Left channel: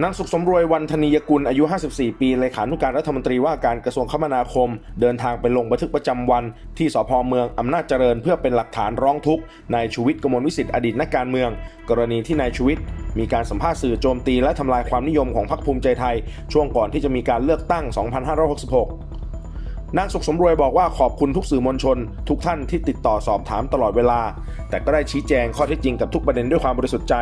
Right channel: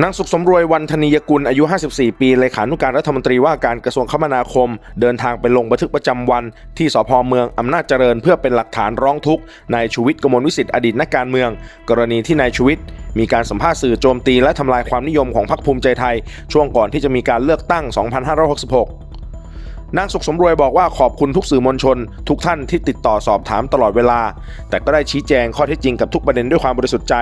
นางสุขสมรวยวันธนียกุลอายุ 54 ปีเลขานุการรัฐมนตรีว่าการกระทรวงคมนาคม เดินทางไปลงบันทึกประจำวัน ที่สพเมืองอำนาจเจริญ เพื่อเป็นหลักฐานร้องทุกข์นายชูวิทย์กมลวิสิทธิ์อดีตนักการเมือง กรณีที่นายชูวิทย์มีการสัมภาษณ์สื่อโจมตีและทำลายความนิยมของพรรคภูมิใจไทย ช่วงก่อนที่จะมีการเลือกตั้ง 2566 นางสุขสมรวยบอกว่าขอบคุณทุกสื่อมวลชน ทุกท่านที่ติดต่อสอบถามตลอดเวลา แต่ก็ได้ชี้แจงข้อเท็จจริงกับทุกประเด็นด้วยความบริสุทธิ์ใจ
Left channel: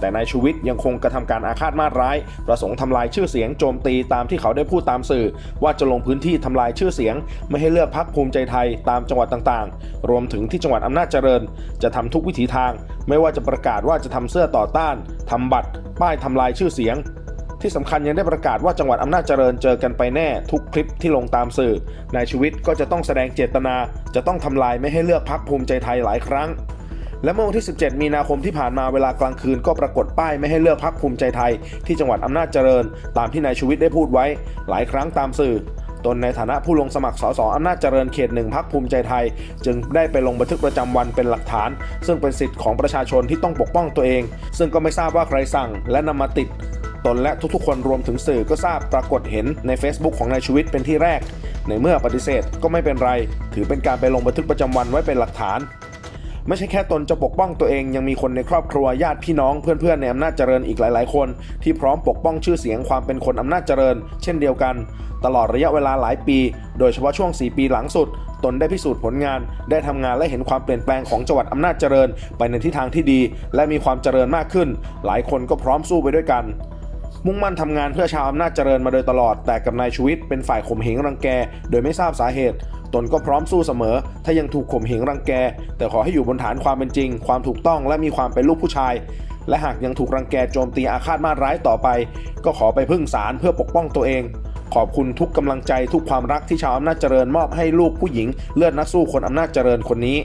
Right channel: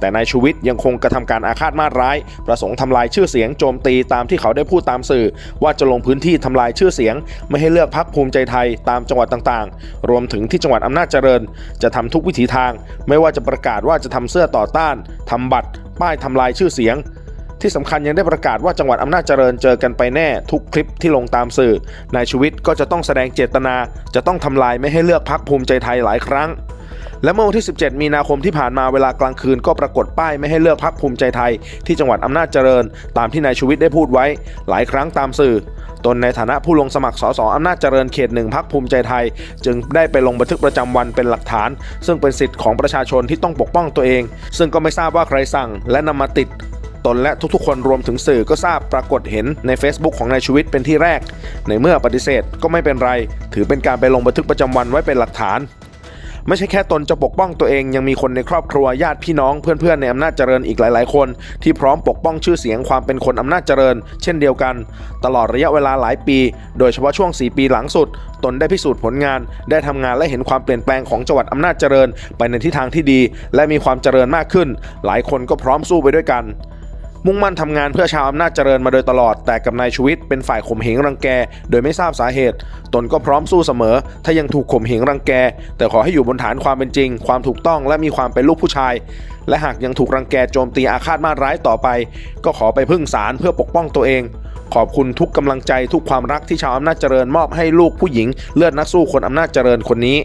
แต่นายชูวิทย์ยังคงกระทำการอาฆาตมาร้าย ประสงค์ทำลายชื่อเสียงโจมตีตามที่เขาได้พูดตามสื่อ ว่าจะลงพื้นที่ทำลายชื่อเสียง ไม่ให้เลือกพักภูมิใจไทยตามจังหวัดต่างๆ รวมถึงที่จังหวัดอำนาจเจริญ จะทำทุกวิถีทาง ไม่ว่าจะประกาศว่าจะทำเสื้อต่อต้านทำบัตร ป้ายทำลายชื่อเสียง ที่สำคัญยังได้ประกาศว่าจังหวัดอำนาจเจริญเจอกันไปแน่ทุกคลิปที่ลงตามสื่อนายชูวิทย์ก็จะต้องแสดงเจตนา จะต้องทำลายไม่ให้เลือกพักภูมิใจไทยหลายครั้ง และเมื่อวันที่ 17 มีนาคมที่ผ่านมาเวลากลางคืนก็ปรากฏป้ายไม่ให้เลือกพักภูมิใจไทย ที่จังหวัดอำนาจเจริญ ตามที่นายชูวิทย์ได้พูดไว้ หลายครั้งตามสื่อตนในฐานะผู้ลงสมัครสสอำนาจเจริญเขตหนึ่งพักภูมิใจไทย จึงได้ไปลงบันทึกประจำวันเป็นหลักฐาน ซึ่งเป็นสิทธิ์ของประชาชนที่ต้องปกป้องตัวเอง ซึ่งก็ไม่ทราบว่าใครสั่งและนำมาติด ตนและทุกๆ คนรวมถึงสื่อก็ทราบปรากฏเห็นใน Facebook ของนายชูวิทย์เป็นที่แรก ในเมื่อปฏิเสธก็ไม่เป็นไร ถือเป็นการไปลงบันทึกประจำวันไว้เป็นหลักฐาน ไม่ใช่แค่ตนจะปกป้องตัวเองยังมีคนในครอบครัวญาติพี่น้องเพื่อนๆในอำนาจเจริญอีกหลายๆ คน ที่พร้อมปกป้องชื่อเสียงความเป็นคนอำนาจเจริญ เช่นเดียวกัน ตลอดระยะเวลาหลายปี โดยเฉพาะช่วง 4 ปีหลังสุด ตนได้พิสูจน์ผลงาน ได้ทำงานและเห็นความเปลี่ยนแปลงของจังหวัดอำนาจเจริญ ไปในทิศทางที่ดี และมีความเจริญมากขึ้น หลายคนก็พร้อมสู้ไปด้วยกัน มุ่งมั่นทำงานเพื่อชาวอำนาจเจริญมาโดยตลอด แต่กับนายชูวิทย์เป็นฝ่ายข่มเหงรังแก โดยไม่ทราบสาเหตุ ตนก็พร้อมสู้เสมอ ถ้ายังถูกข่มเหงรังแก แต่ขอให้อยู่บนฐานความเป็นจริง ความถูกต้องและมีความเป็นลูกผู้ชาย และหากยังถูกรังแกโจมตีอาฆาตมาร้ายต่อไป ก็ขอไปพึ่งศาลเพื่อปกป้องตัวเองขอบคุณทุกกำลังใจทุกความรักที่ชาวอำนาจเจริญมอบให้ลูกผู้หญิงเลือดนักสู้คนอำนาจเจริญคนนี้